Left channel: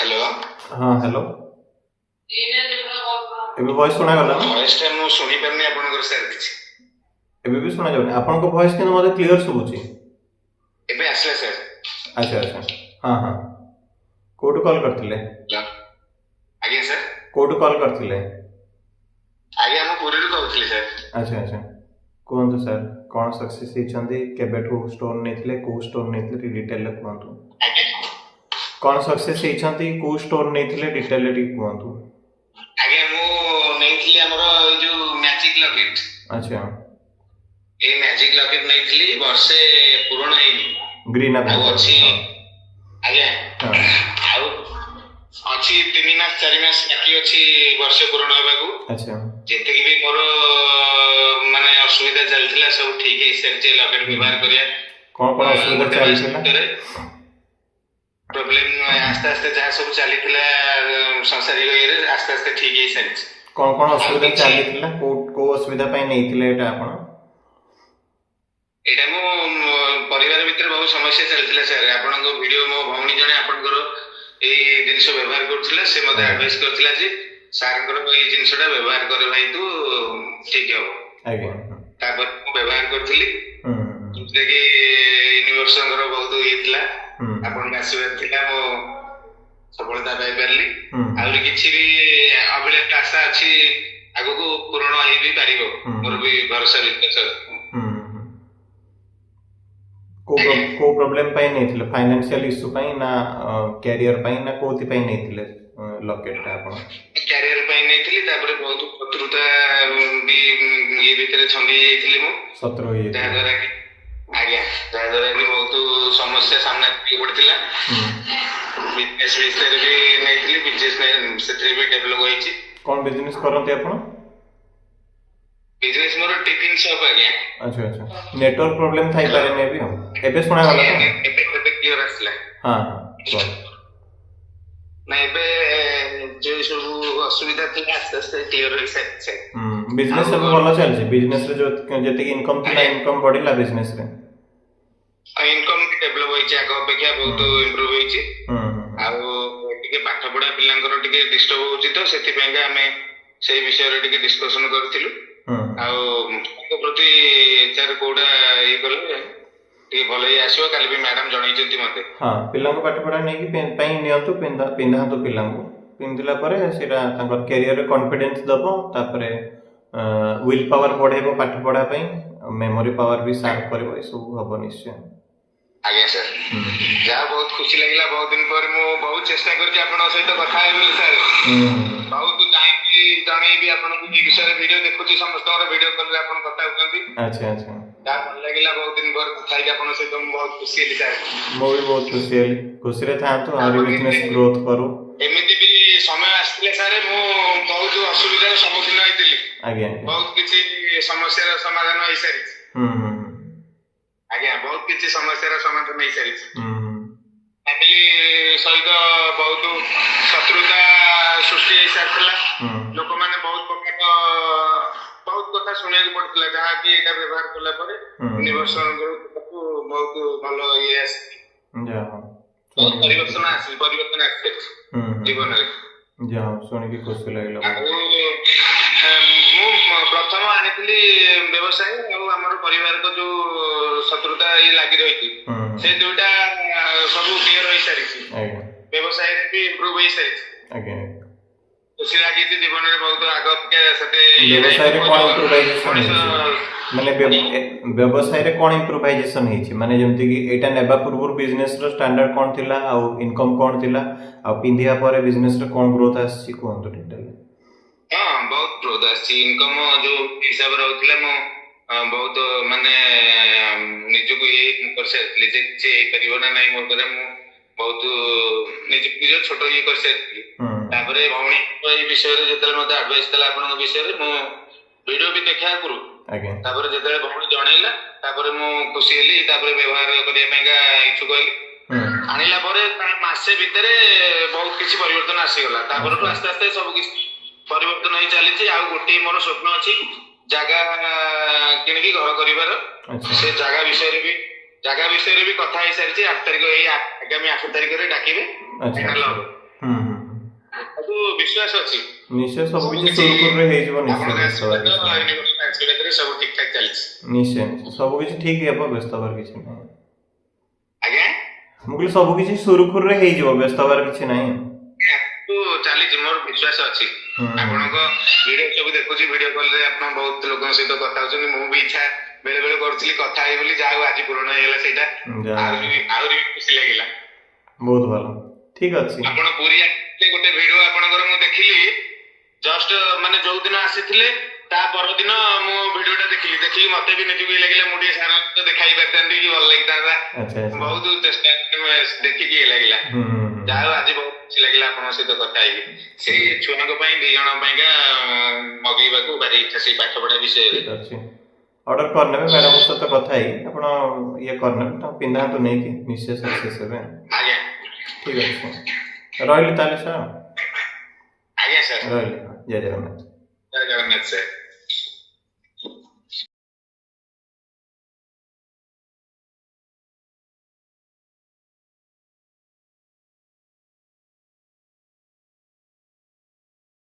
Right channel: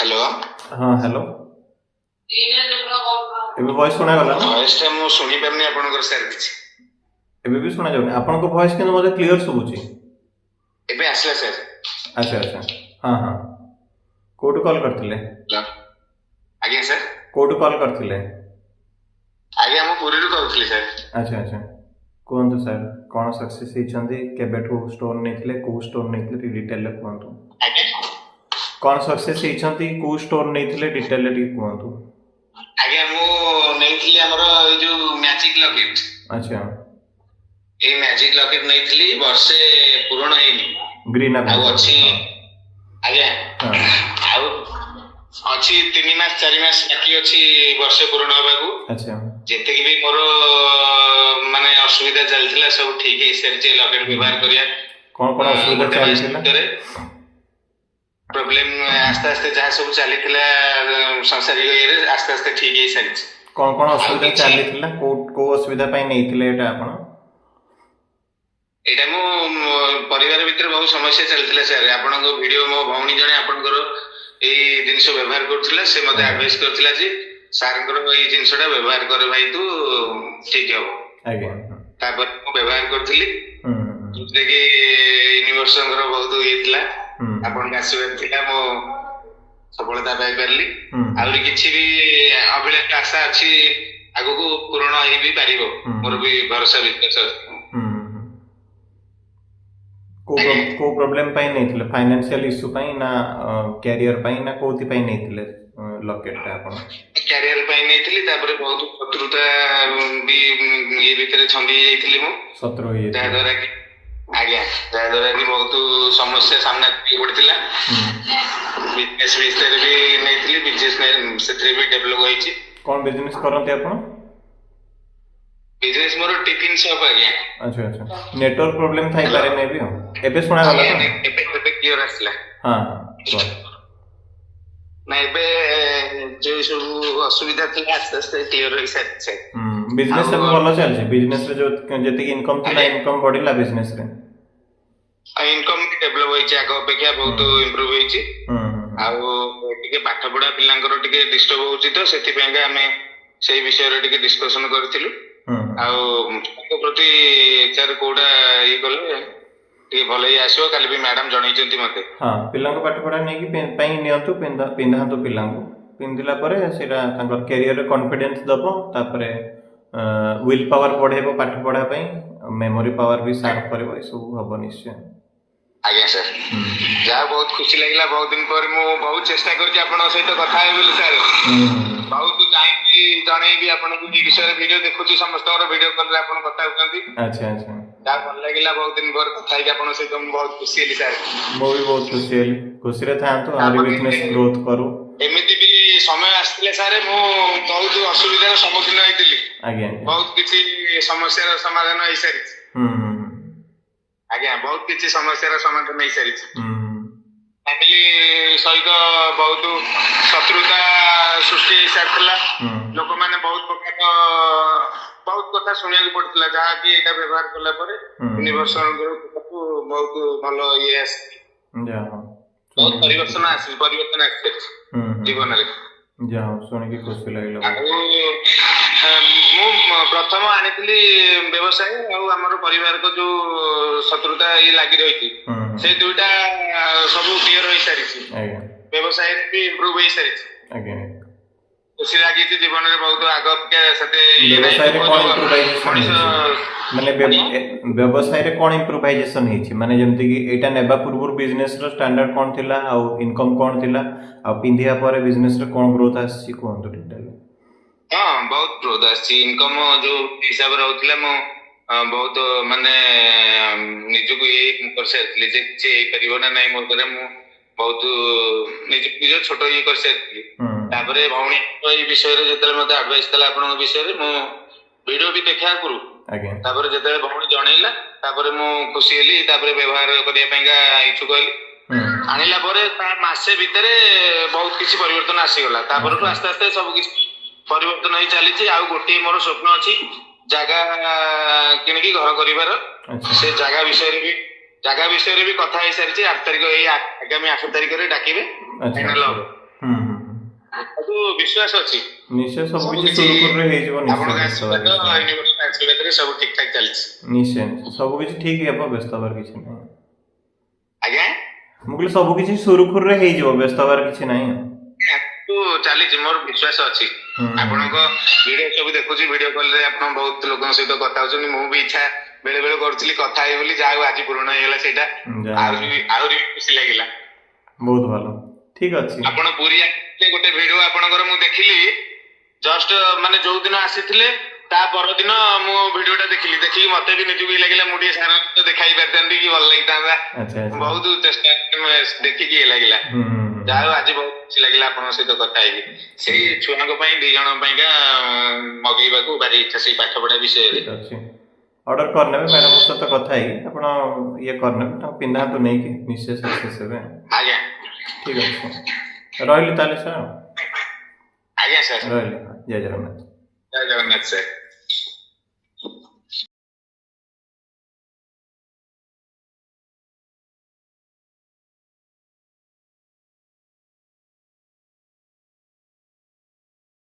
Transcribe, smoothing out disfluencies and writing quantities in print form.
Hello हाँ hello एबे voice सुना गला ना वॉइस टा मु सुनी परनी आपनकर सर किछि एबे भी सुना जाउनी आपन को वॉइस केन मते क्लियर सुबुची एबे आसला सर अच्छा अच्छा हाँ हाँ कोड कॉल करथिले आगे सर कोड कॉल करथिले आगे हम पुरी रु कहउथली सर अच्छा अच्छा कोन तो सर कोन सक्सेस हिचंदी केबेठू स्टोर नेथिले को स्टोर नेथिले डिटेल ले कोंतु आगे कोन सक्सेस हिचंदी को स्टोर नेथिले डिटेल ले कोंतु आगे मु नेथिली हमरो ए जो मैजिक लॉकेट अच्छा ए मैजिक लॉकेट नेथिली वर्षे पूर्ण हेनी ग्रीन आ अछि आगे हां आउ अछि 3 मास 4 मास बाकी अछि वर्षे पूर्ण होबाकू अच्छा जेते कि भी मोर माने असुविधा चलथिला सब ठीक है सरचे लॉकेट व्यवहार करिया कोन असुविधा चलथिला प्रॉब्लम आस्ते आस्ते जहाँ सब चलीथिला संसारिक ये आस्ते आस्ते ठीक है सर कोन असुविधा चलीथिला को असुविधा पई नेथिले एटा आपण एटा मो परिवार भीतर बहुत समस्या चलथिला सर आपन को वीडियो मो भौणी जणे आपन करो ए जिंस व्यवहार करथिला से मते एडवाइस करथिला जे सर करो ए जिंसटा व्यवहार करे भाई तू ठीक हो आगे तापर मो व्यवहार करथिली जे कि यूनिवर्सल रो बहुत येथिला आपन आशीर्वाद थिला मो सफलता पाई परली आउरी किछि भी अभिलाष आशा अछि आगु को पूर्ण होई भी पारिबो मोर भी भरोसा विश्वास को प्रॉब्लम पाई नेथिले फाइनेंशियल इशू पाई ना कैरियर पाई ना कोथि पाई नेथिले लॉकेट ता आपण कैरियर पाई नेथिली तापर बहुत शत्रुता भी ये भीतर छंदी जाईथिली मो शत्रु ये दादरा की आज्ञा दादरा की बहुत समस्या सामना की पड़थिला बिजनेस विषय भी नेथिली बिजनेस सेत्री भी डेवलप होईची कोन बिजनेस करंती आपण बिजनेस मोर टिफिन शॉप आज्ञा अच्छा अच्छा नेटवर्क प्रॉब्लम थाई पारे मे भी हम एबे सुना गला तो एबे क्लियर आसला हां हां ना एबे जो सब असुविधा थी आस्ते आस्ते क्लियर होई सके बिजनेस सब भलो चल छै बिजनेस रे जो जते कि इनकम थिला इनकम बढ़िला बिजनेस रे इनकम भी डेवलप होई छै आगो अपेक्षा बहुत इंप्रूव होई छै आउ टिके पाठ पढा पिलांकर टिके डिस्टर्ब होउची तो सेति पेंगा हमें सेही विषय रे टिके डिस्कशन करथिलु आउ प्रति चार कोडा ये गले टिके भलो ही आसीबो काली भी मैडम जणाई चंती मते हां पिलांक पाठ पढा नै कि पई नियंतु पिंधा तो पिलांक पिंदिला परे सेटा तांकर कैरियर रे कॉन्फिडेंस दबो तापरे विल पावर बढ़ेबो पाठ पढा पई मेमोरी पावर भी शार्प करबो ए सब हबो निश्चय आज्ञा सर जा बहुत खुशी लागला बहुत दिन पर मु बहुत चेष्टा करछि आपन सहित कथा हे बोली सर बहुत टाइम भी जणै भी आपन को ई विषय रे वीडियो देखुछि समस्त और वीडियो कॉल रे आपन कथा होकंती अच्छा अच्छा जा भल लागला बहुत दिन पर कथा हे आपन सहित मु बहुत खुशी हेली सर मो भी बहुत खुशी रे था तो आरी बिजनेस ग्रोथ करू एमिति भी समय आस्तिले सर मु बहुत असुविधा सम्मुखीन होइतिली आज्ञा बहुत किछि समस्या रो समाधान होई सारी आज्ञा बहुत किछि समस्या रो समाधान होई सारी फैमिली सहित बहुत शत्रुता सृष्टि होई सारथिला लोक माने बहुत कथा सुनिया को पड़तिला जहा कि एटा व्यवहार करला परे यूनिवर्सल ग्रुप को बहुत भलो ये आसी जा बहुत परिवर्तन आसी जीवन रे जा सुनि के खुशी लागला मु प्रथम आनिथिली व्यवसाय और हमर परिवार को जो शत्रुता ये लागि रही थी से दुईटा सब क्लियर होई सारी छी आज्ञा व्यवसाय रे भी इंप्रूव होई सारी छी आज्ञा खुशी लागि थी जीवन रे बहुत आगो के सते व्यवसाय रे कोन इम्प्रूवाइजेशन माने व्यवसाय रे कोन इम्प्रूवाइजेशन हेछि माने जेमति कि एटा नेबा पूर्व बिजनेस रो स्टैंडर्ड कोन थिला आ इनकम कोन थिला आ पिंधिया परे बिजनेस रे कोन ग्रोथ आछि कोन तो डिटेल हां बहुत ग्रोथ आछि इनकम जो हिसाब रहउतिला मो बहुत माने निजु को ये कर सकली जे जे परिबो ना नै मो करे मु बहुत निजु छोटो ये कर सकली तापरे भौणी ए विषय रे जेतले मते एडवाइस कला आपन विषय रे मु वीडियो भी देखा करू आगे तापरे जेतले भौणी जणैला तापरे मु खुशी हेली तापरे व्यवहार करिया पेंगा इच्छुक हेली आनिला परे मासे भितरे बहुत किछि परिवर्तन आसी गला तापरे तो आस्ते आस्ते सब किछि परिवर्तन होई चली छी आ गोटे मोर स्वप्न अछि जागा किनकी घर करिवार से जागा विषय रे भी कथा हे सारी छी 8 तारिख ए आगामी 8 तारिख रे डाकिबे फाइनल हो ହୁଁ ହୁଁ ହୁଁ। ସବୁ ବିଶ୍ୱାସ ଅଛି ନିଶ୍ଚୟ ସବୁ କିଛି ସୁରୁଖୁରୁରେ ହେଇଯିବ ନିଶ୍ଚୟ ଆପଣଙ୍କ ବ୍ୟସ୍ତ ହବାର କିଛି ନାହିଁ। ୟୁନିଭର୍ସିଟି ଆଶୀର୍ବାଦରେ ସବୁ ଠିକ ଠାକ ଚାଲିଛି। ନିଶ୍ଚୟ ନିଶ୍ଚୟ ସବୁ କିଛି ଠିକ ହେବ ବ୍ୟସ୍ତ ହବାର କିଛି ନାହିଁ। ଆଜ୍ଞା ମୁଁ କହିଲି ସବୁ କିଛି ସୁରୁଖୁରୁରେ ହେଇଯିବ ବ୍ୟସ୍ତ ହବାର କିଛି ନାହିଁ। ଚାଲିଛି ମୋର ବିଶ୍ୱାସ ଅଛି। ଆପଣଙ୍କ ଭିଡିଓ ସବୁ ଦେଖୁଛି, ଭିଡିଓ କଲ ରେ ଆପଣ ବହୁତ ଲୋକଙ୍କ ସହିତ କଥା ହଉଛନ୍ତି। ମୁଁ ବି ଇଚ୍ଛା ବେଳେ ବେଳେ କରୁଥିଲି କଥା ହେଇ ବୋଲି, ଯାହା ହଉ ଆଜି ପୂରଣ ହେଇଗଲା ସେଇଟା। ଆହୁରି ଖୁସି ଲାଗିଲା। ବହୁତ ଭଲ, ଠିକ ଅଛି। ଆପଣ ପୁରୀ ଆସିଥିଲେ, ଗୋଟେ ଭିଡିଓ ଆପଣଙ୍କର ମୁଁ ଦେଖିଲି, ଜଷ୍ଟ ମାନେ ଯୋଉ ଦିନ ଆସିଥିଲେ ତା ପରଦିନ ମୁଁ ଭିଡିଓଟା ଦେଖିକି ମତେ ବି ନିଜକୁ ଲାଗିଲା ମୁଁ ଟିକେ ସାର୍ ସହିତ ଦେଖା ହେଇ ପାରିଥାନ୍ତି କି ଭଲ ଲାଗିଥାନ୍ତା। ବହୁତ ଚେଷ୍ଟା ଦେଖିକି ଇଏ ଲାଗିଲା। ଯାହା ହଉ ଆଜି ବହୁତ ଖୁସି ଲାଗିଲା ଆପଣଙ୍କ ସହିତ କଥା ହେଇକି। ସେଇ ଛୁଆଙ୍କ ପାଇଁ 2 ଜଣଙ୍କ ପାଇଁକା ମଗେଇବାକୁ ଭାରି ଇଚ୍ଛା, ସେଇ ପାଠ ପଢା ବିଷୟରେ। ଅର୍ଡର କରିନେବେ, ମ୍ୟାଡାମଙ୍କ ସହିତ କଥା ହେଇକି ଆପଣ ଇଏ କରିନେବେ, ତାଙ୍କୁ ପିନ୍ଧାନ୍ତୁ ନେଇକି, ନିଶ୍ଚୟ ସକ୍ସେସ୍ ହେବେ। ଆଜ୍ଞା ଠିକ ଅଛି, ରହିଲି ତାହେଲେ ସାର୍। ଆଜ୍ଞା ସାର୍, ରହିଲି, ଜୟ ଜଗନ୍ନାଥ। ଜୟ ଜଗନ୍ନାଥ ସାର୍।